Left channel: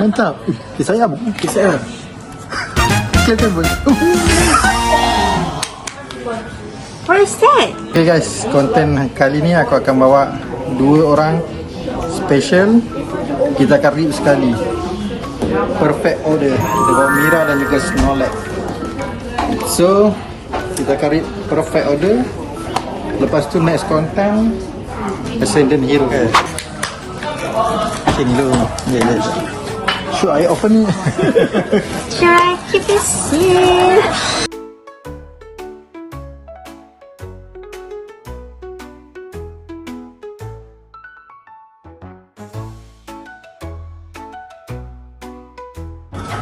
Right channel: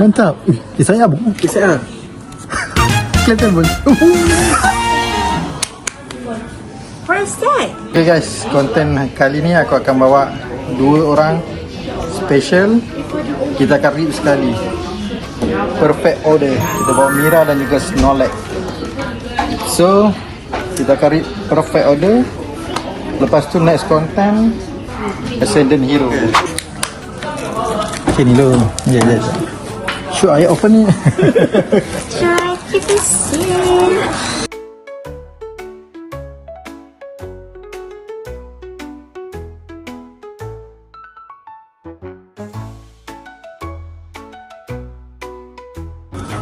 Mantap. Saya abang. Saya. Siapa abang? Where's that? Okay guys, konten kali ni aku akan bawa 2 orang special. Kita akan read sekali. Perfect order. Kita bawa Mira dan juga Snorlax. So, kita akan read perfect order. Lepas tu next content Ascendant Hero. Hello. Yes. Should I open? Try to be scared.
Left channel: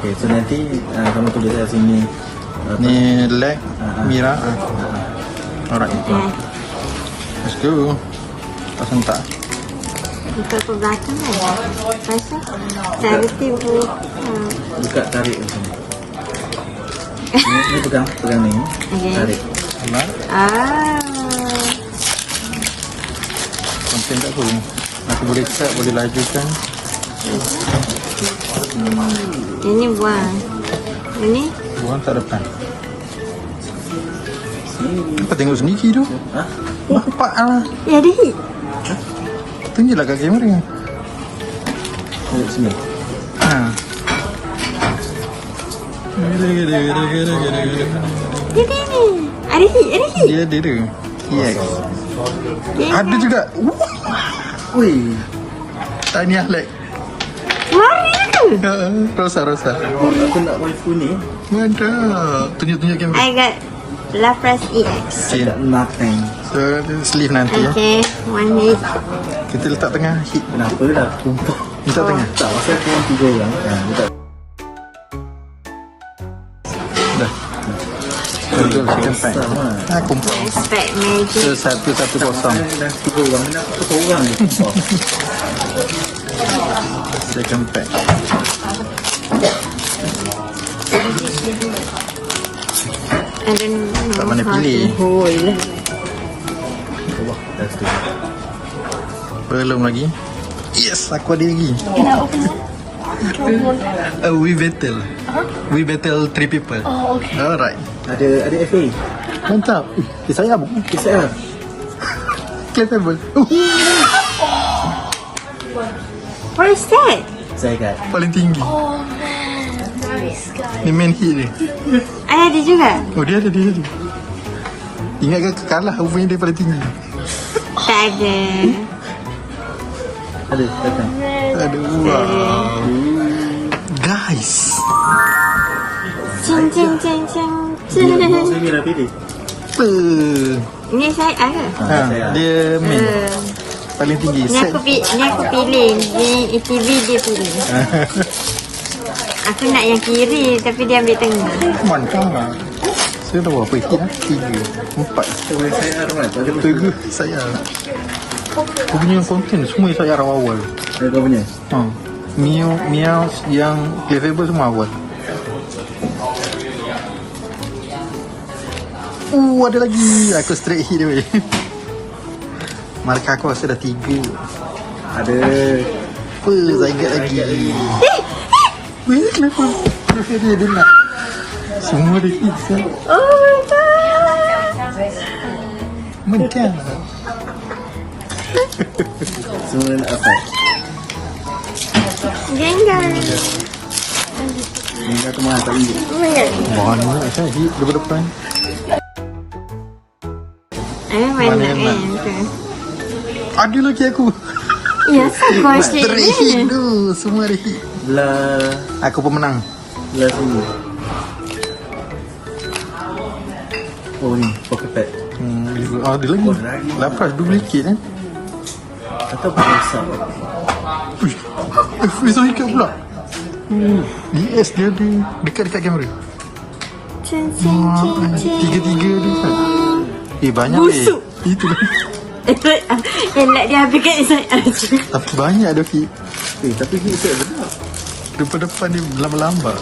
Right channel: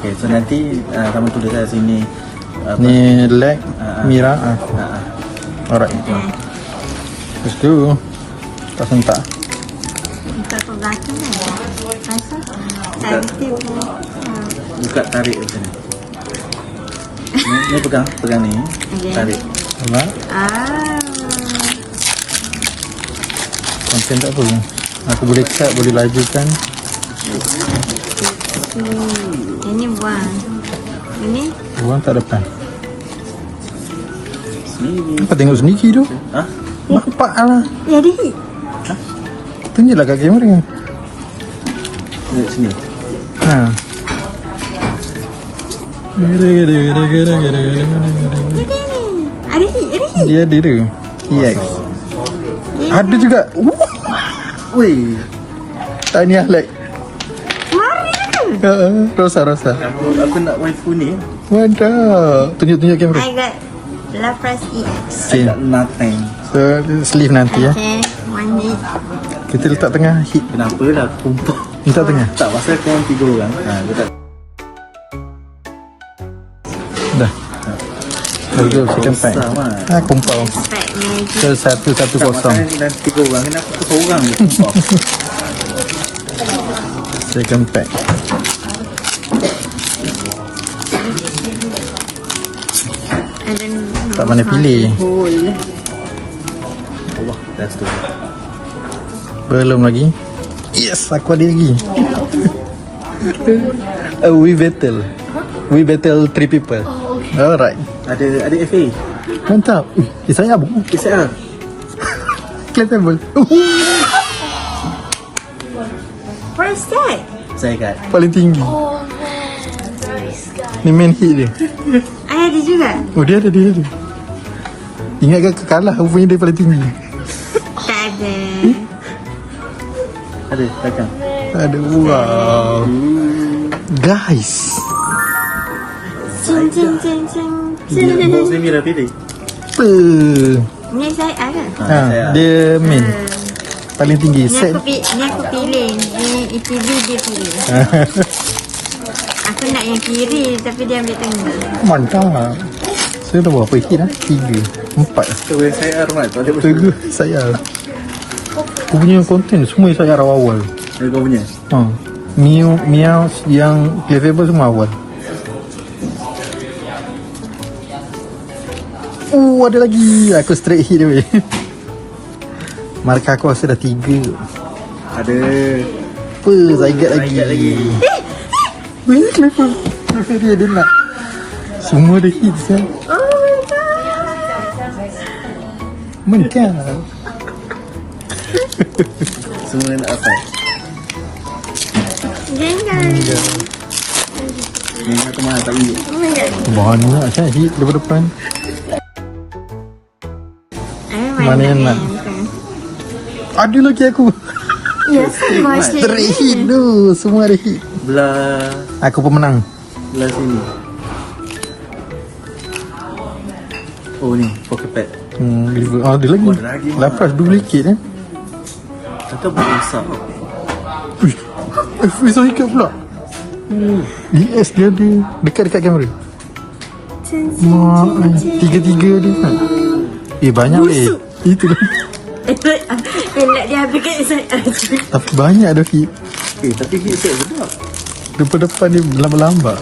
Okay, so nanti kamu tulis kat sini. Ni leg Mira. Alright. Lepas tu kita sentak. Buka pembahasan lah. Masa dah betul pun. Buka tarik kat sini. Ni pegang ni. Okay. Tarik. Ya. Macam tak apa ni. Aku boleh cut, boleh lajukan. Ini buang. Ini Buang kat depan. Sini. Kau tengok sendiri tu. Hah? Nampak lah. ya dah. Tinggilah kat kamera. Tengok sini. Ada hit. Dia ada dia. Yes. Ada juga. Wih. Tanya like. Mana? Rosa. Aku nak waifu ni. Mantap. Tunjuk kamera. I got Lapras EX. I got nothing. So, sleeve nanti ya. Okay, one hit. Kita letak tengah hit. Kenapa lah tumpah? Letak tengah. Tak, pasal kau orang 3 orang. Betul. Dah. Boleh Besar cepat. lah. Pumpah. Pack magic. Saya satu Tak, kosong. masalahnya dah 3 orang. Kenapa tu seorang je tumpah? Saya compact. And then Tak mana pilih. Oh, iya. Wah, dah tu. Belum lagi. Yes, aku ada lagi. We battle 3 people. Alright. Ada FA. Mantap. Saya abang. Saya. Kelihatan boy. where's that? Saya kat. Paling tinggi. Oh man, nice guy. Ni main hit dia. I ada juga. Oh, dia ada dia tu. Ingat kau kalah, aku punya dia paling tinggi. Tak ada. Ada, takkan. Aduh. Guys. Cing. Dia bawa saya Mira pilih. Ni saya ada. Dia main paling tinggi. Ni aku pilih. Ni ETV dia pilih. Aku nak yang kiri tapi dia ambil tengah. Mantap. Saya dah berapa hit dah? 3, 4. So, saya Arman. Tak ada betul. Saya. Aku punya konten semua saya awal. Kau punya? Miau yang kira-kira semua awal. Oh, ada lagi. Aku straight hit dia. Markah aku rasa dah 3. Ada. Saya ingat lagi. Weh, kenapa? Kenapa dia dengar? Semua dah hit semua. Mantap. Semua nak apa? Jangan. Yang kata mana tak tunjuk. Banyak kan hit daripada depan. Mana nak? Ada lagi aku. Ya, semua Hit tu. Semua ada hit. Belah. Aku pun menang. Belah sini. Oh ni, pocket pad. Ada lagi. Oh, ada lagi. Lapas duplicate eh. Atau besar. Bisa ikat pula. DS dia ada. Dekat kamera. 3 tu. Banyak Itu. Elak dia habis kat saya. Tapi banyak ada hit. Tapi hit set sedap. Depan dia lambat-lambat.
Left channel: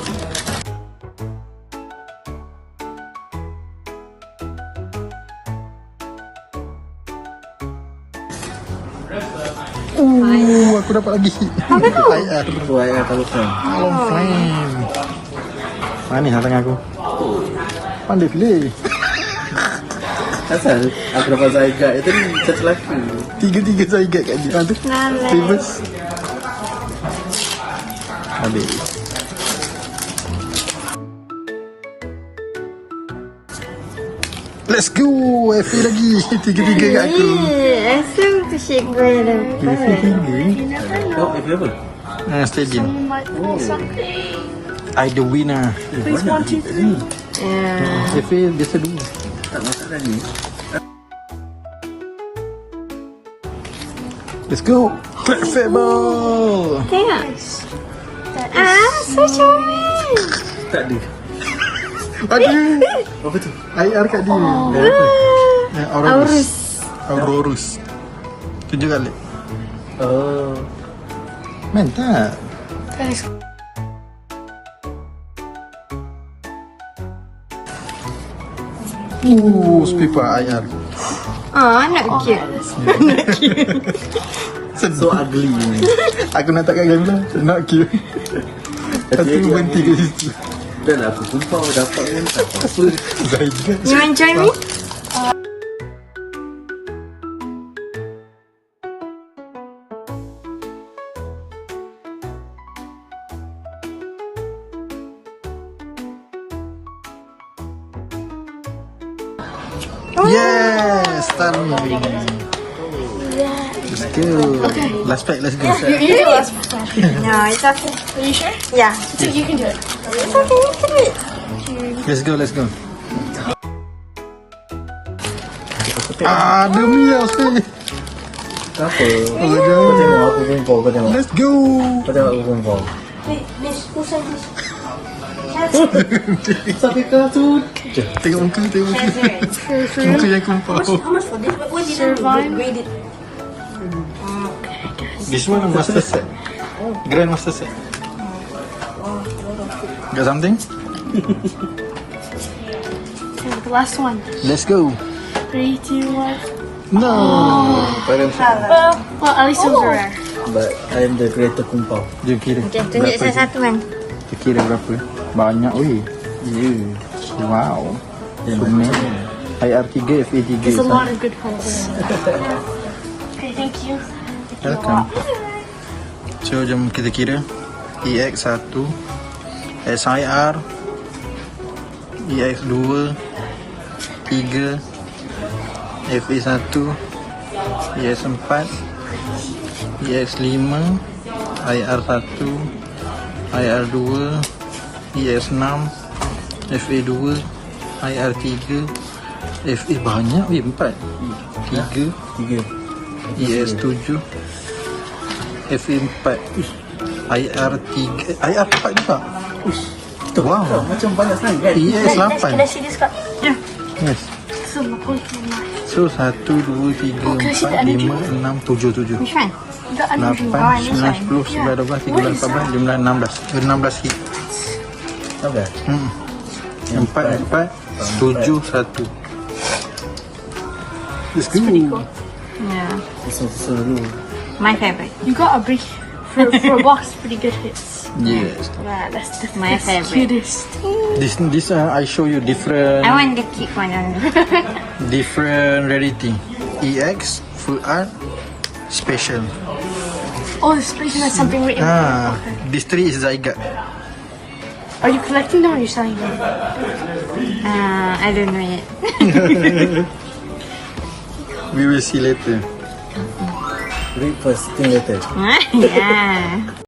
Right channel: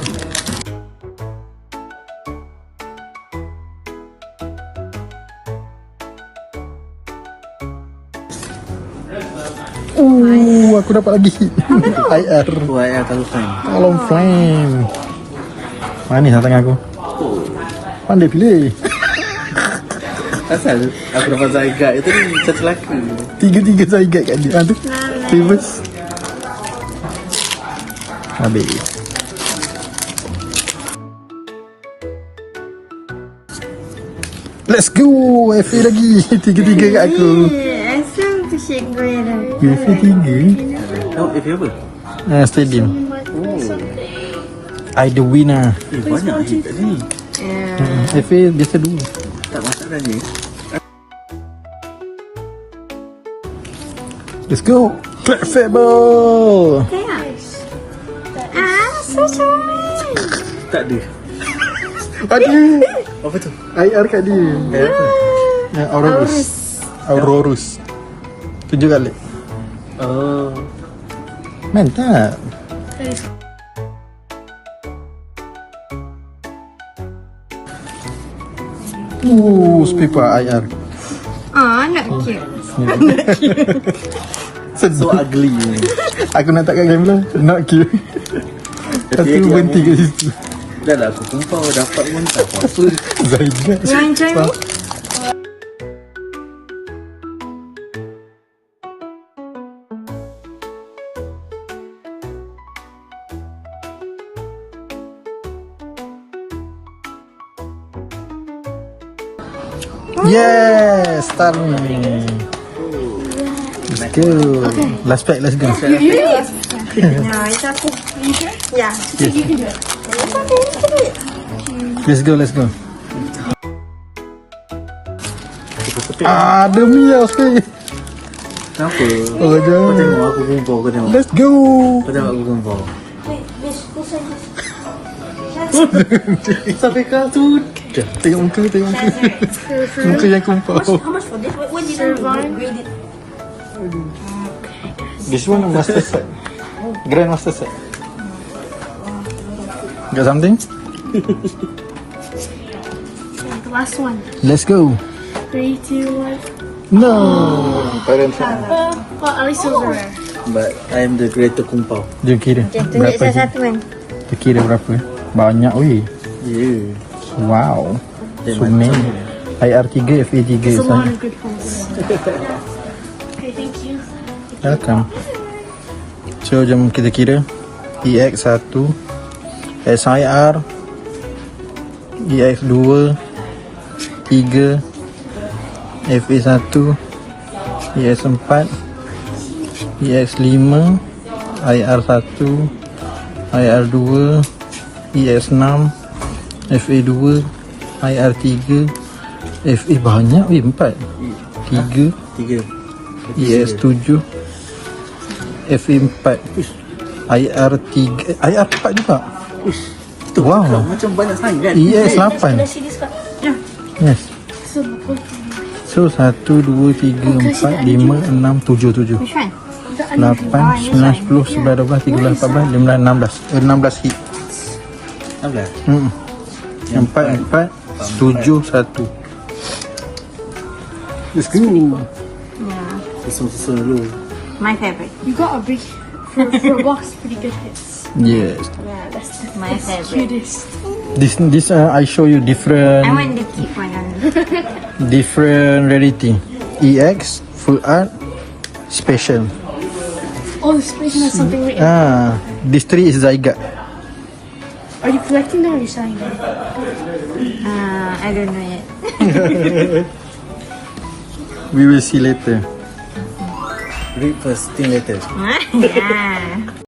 Aku dapat lagi. IR. Buat yang tahu kan. Alam fine. Ni tangan aku. Pandai pilih. Asal aku dapat Zygarde itu ni satu lelaki. Tiga-tiga saya ingat kat dia. Aduh. Terus. Ambil. Let's go. Aku lagi. Tiga-tiga kat aku. Asal tu shake boy ada. Biasa tiga. Kau itu apa? Oh, stadium. Oh. I the winner. Banyak je kat sini. FA biasa dulu. Tak masak lagi. Let's go. Cat fat ball. Yes. So charming. Tak ada. Ada. Apa tu? IR kat dia. Apa? Ya, Aurorus. Aurorus. 7 kali. Oh. Mantap. Speaker IR. Oh, nak cute. So ugly. Aku nak takkan game kau. Nak kira. Tapi Tapi dia ganti ke situ. dah lah aku kumpau dapat pun tak apa. Gaibat. You want try me? Yes, starting. Let's go. Last pack, let's go. No, it's okay. Yeah. It's okay. Let's go, let's go. Ada ni aku. Kenapa? Kau tengok aku kumpau, kau tengok. Let's go. Kau tengok aku kumpau. Sampai kau tu. Tengok muka, tengok muka. Muka yang kumpul. How much for this? What did you grade it? This one master set. Grand master set. Got something? The last one. Let's go. 3, 2, 1. No. Well, at least it was rare. But I am the creator kumpau. Dia kira. Okay, tunjuk salah satu man. Dia kira berapa? Banyak weh. Yeah. Wow. Dia So macam many. IR3, FA3. It's a lot of good cards. Okay, thank you. Welcome. So jom kita kira. EX1, SIR, EX2, 3, FA1, EX4, EX5, IR1, IR2, EX6, FA2, IR3, FA banyak ni 4, 3, 3. EX7, FA4, IR3, IR4 juga. Itu wow. Macam banyak sangat. EX8. see this card. Yes. So, So 1, 2, 3, 4, 5, 6, 7, 7. Which one? the unusual 8, line, 9, 10, 11, 12, 13, 14, 15, 16 hit. Ada? 4, 4, 7, 1. Let's go. Yeah. Susun dulu. My favorite. You got a big, for a box, pretty good hits. Yes. Wow, that's the My favorite. cutest. This I show you different I want the cute one. rarity. EX, full art, special. Oh, the space has something written. This 3 is Zygarde. Are you collecting them or are you selling them? I don't know yet. We will see later. Read first, think later. Yeah.